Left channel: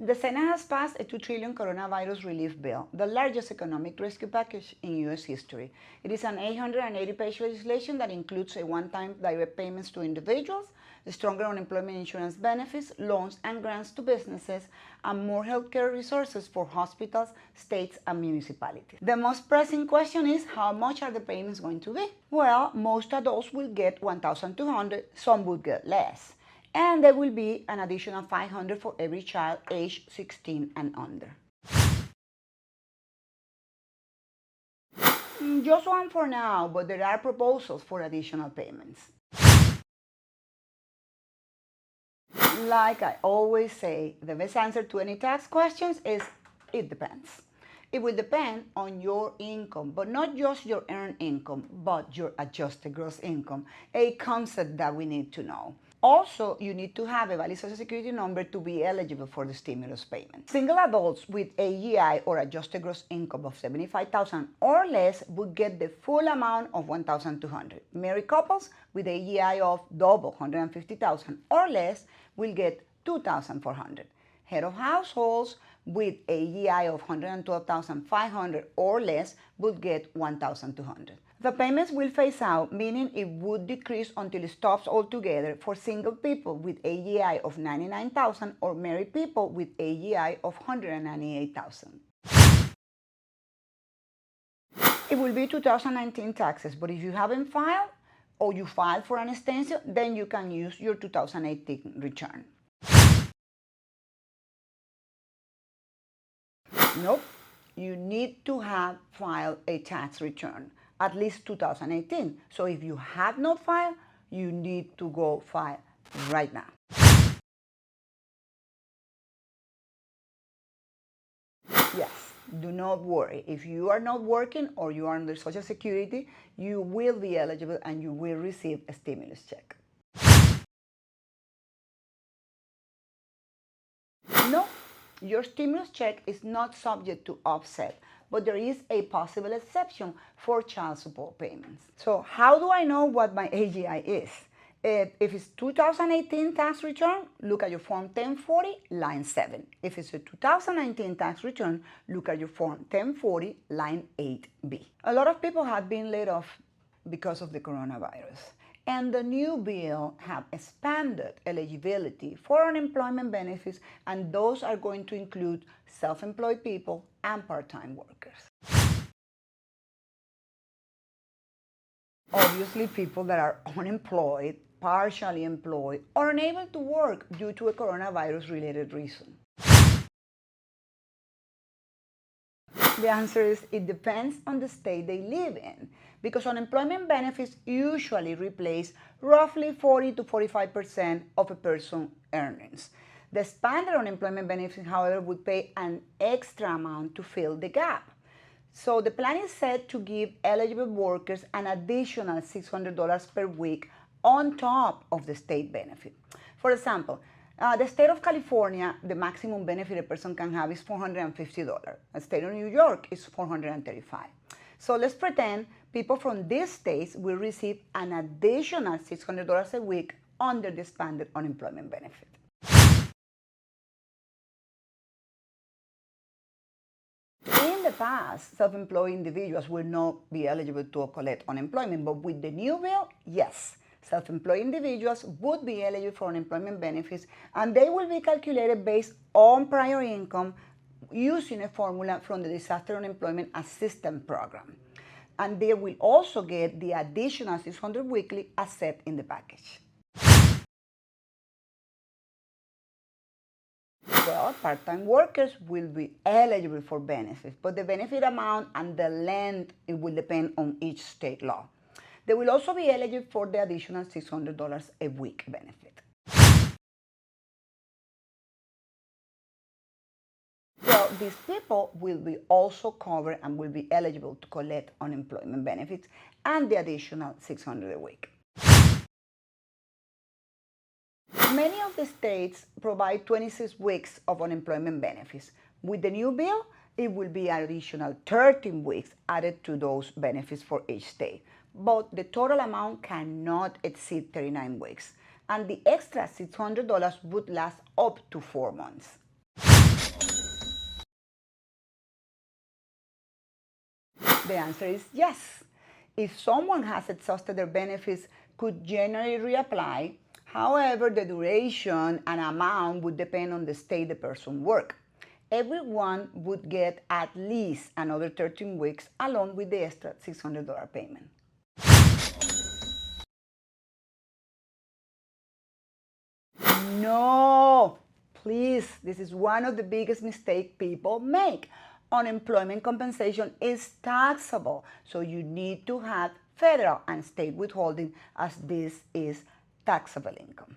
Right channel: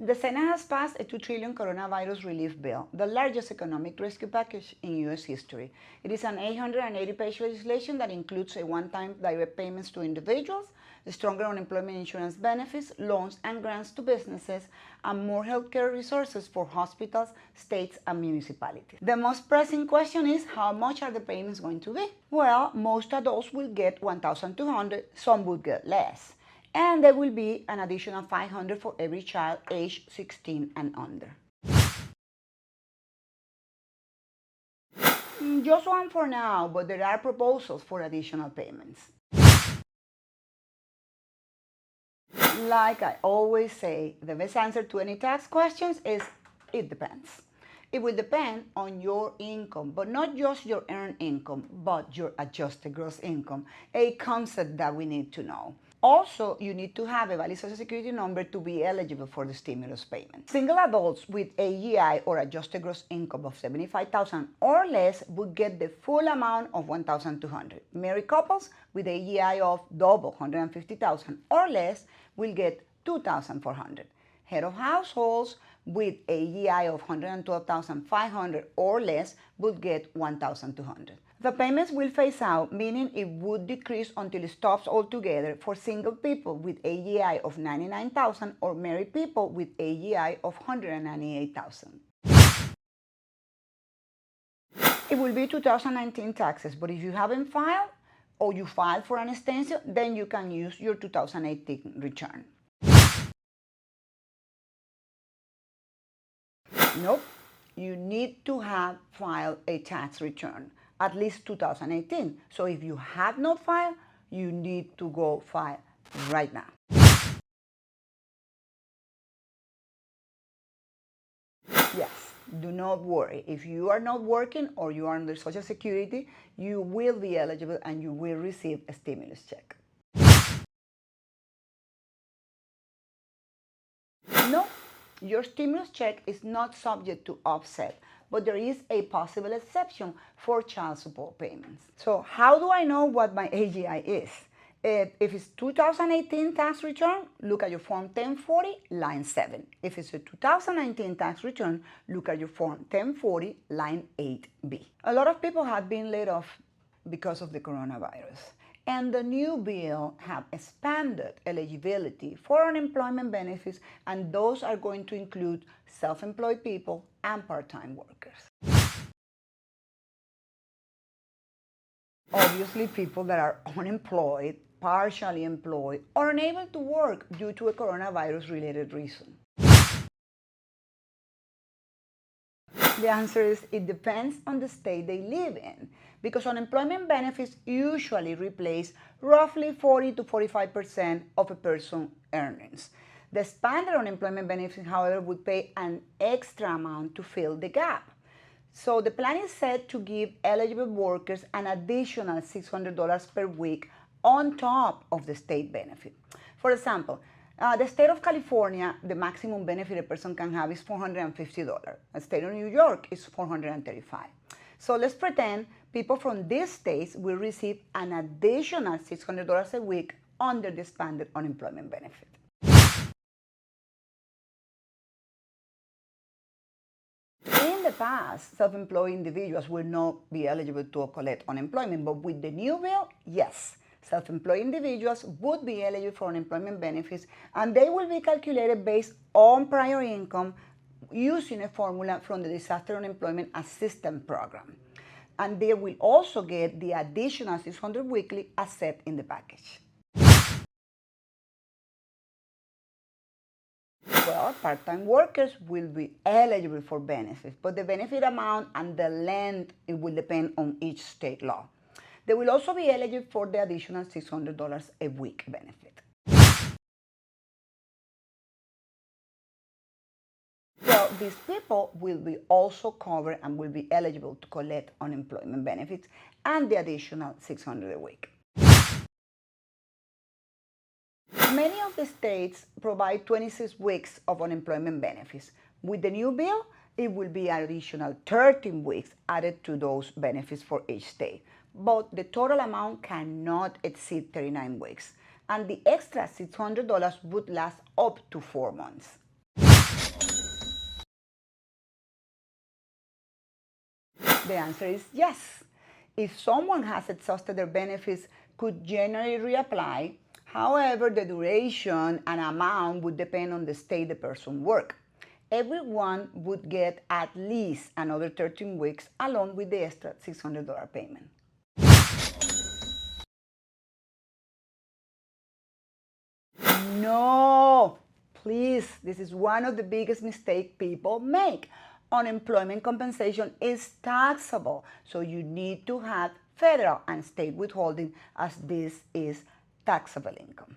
The Senate has passed a $2 trillion coronavirus relief bill, the largest economic rescue package in U.S. history. It is an 880-page legislation that includes a one-time direct payments to individuals, stronger unemployment insurance benefits, loans and grants to businesses, and more healthcare resources for hospitals, states, and municipalities. The most pressing question is, how much are the payments going to be? Well, most adults will get $1,200, some will get less. And there will be an additional $500 for every child aged 16 and under. Just one for now, but there are proposals for additional payments. Like I always say, the best answer to any tax questions is, it depends. It will depend on your income, but not just your earned income, but your adjusted gross income, a concept that we need to know. Also, you need to have a valid Social Security number to be eligible for the stimulus payment. Single adults with AGI or adjusted gross income of $75,000 or less would get the full amount of $1,200. Married couples with AGI of double $150,000 or less will get $2,400. Head of households with AGI of $112,500 or less would get $1,200. The payments will phase out, meaning it would decrease until it stops altogether for single people with AGI of $99,000 or married people with AGI of $198,000. It will be 2019 taxes, but if you haven't filed or you filed for an extension, then you can use your 2018 return. Nope, you need to have filed a tax return, at least 2018. So if you have not filed, you need to go file right now. Yes, do not worry. If you are not working or you are under Social Security, you will be eligible and you will receive a stimulus check. No, your stimulus check is not subject to offset, but there is a possible exception for child support payments. So how do I know what my AGI is? If it's 2018 tax return, look at your Form 1040, line 7. If it's a 2019 tax return, look at your Form 1040, line 8B. A lot of people have been laid off because of the coronavirus. And the new bill have expanded eligibility for unemployment benefits, and those are going to include self-employed people and part-time workers. Obviously, people that are unemployed, partially employed, or unable to work due to a coronavirus-related reason. The answer is, it depends on the state they live in, because unemployment benefits usually replace roughly 40 to 45% of a person's earnings. The expanded unemployment benefits, however, would pay an extra amount to fill the gap. So the plan is set to give eligible workers an additional $600 per week on top of the state benefit. For example, the state of California, the maximum benefit a person can have is $450. The state of New York is $435. So let's pretend people from these states will receive an additional $600 a week under the expanded unemployment benefit. In the past, self-employed individuals will not be eligible to collect unemployment, but with the new bill, yes. Self-employed individuals would be eligible for unemployment benefits, and they will be calculated based on prior income using a formula from the Disaster Unemployment Assistance Program. And they will also get the additional $600 weekly as set in the package. Well, part-time workers will be eligible for benefits, but the benefit amount and the length, it will depend on each state law. They will also be eligible for the additional $600 a week benefit. Well, these people will be also covered and will be eligible to collect unemployment benefits and the additional $600 a week. Many of the states provide 26 weeks of unemployment benefits. With the new bill, it will be an additional 13 weeks added to those benefits for each state. But the total amount cannot exceed 39 weeks, and the extra $600 would last up to 4 months. The answer is yes. If someone has exhausted their benefits, could generally reapply. However, the duration and amount would depend on the state the person worked. Everyone would get at least another 13 weeks along with the extra $600 payment. No, please, this is one of the biggest mistakes people make. Unemployment compensation is taxable, so you need to have federal and state withholding as this is taxable income.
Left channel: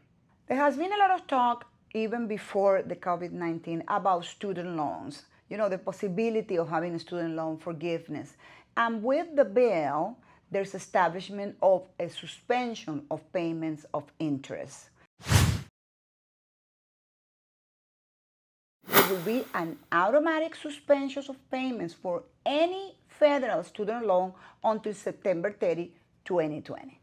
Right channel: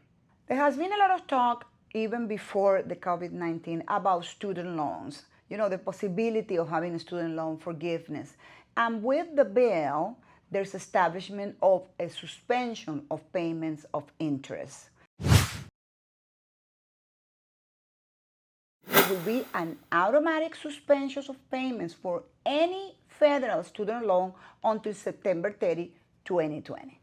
There has been a lot of talk even before the COVID-19 about student loans, the possibility of having a student loan forgiveness. And with the bill, there's establishment of a suspension of payments of interest. There will be an automatic suspension of payments for any federal student loan until September 30, 2020.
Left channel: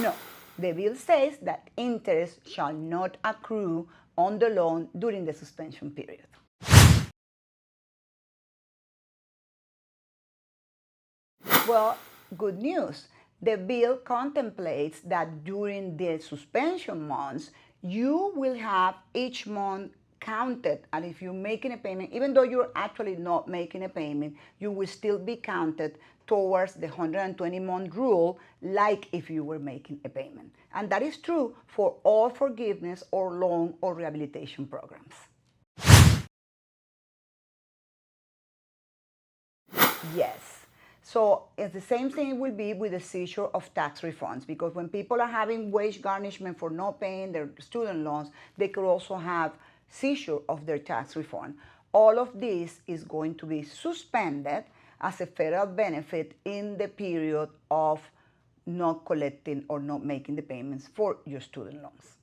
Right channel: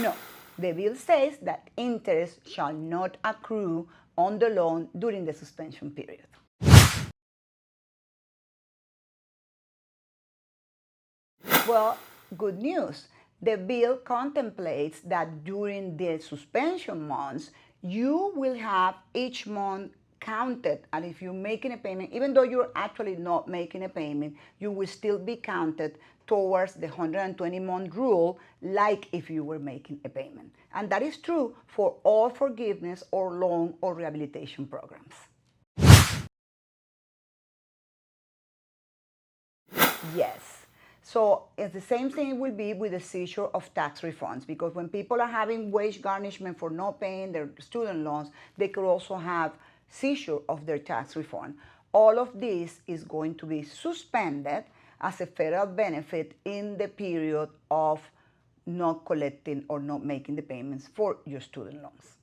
No, the bill says that interest shall not accrue on the loan during the suspension period. Well, good news. The bill contemplates that during the suspension months, you will have each month counted, and if you're making a payment, even though you're actually not making a payment, you will still be counted towards the 120-month rule, like if you were making a payment. And that is true for all forgiveness or loan or rehabilitation programs. Yes. So it's the same thing it will be with the seizure of tax refunds, because when people are having wage garnishment for not paying their student loans, they could also have seizure of their tax refund. All of this is going to be suspended as a federal benefit in the period of not collecting or not making the payments for your student loans.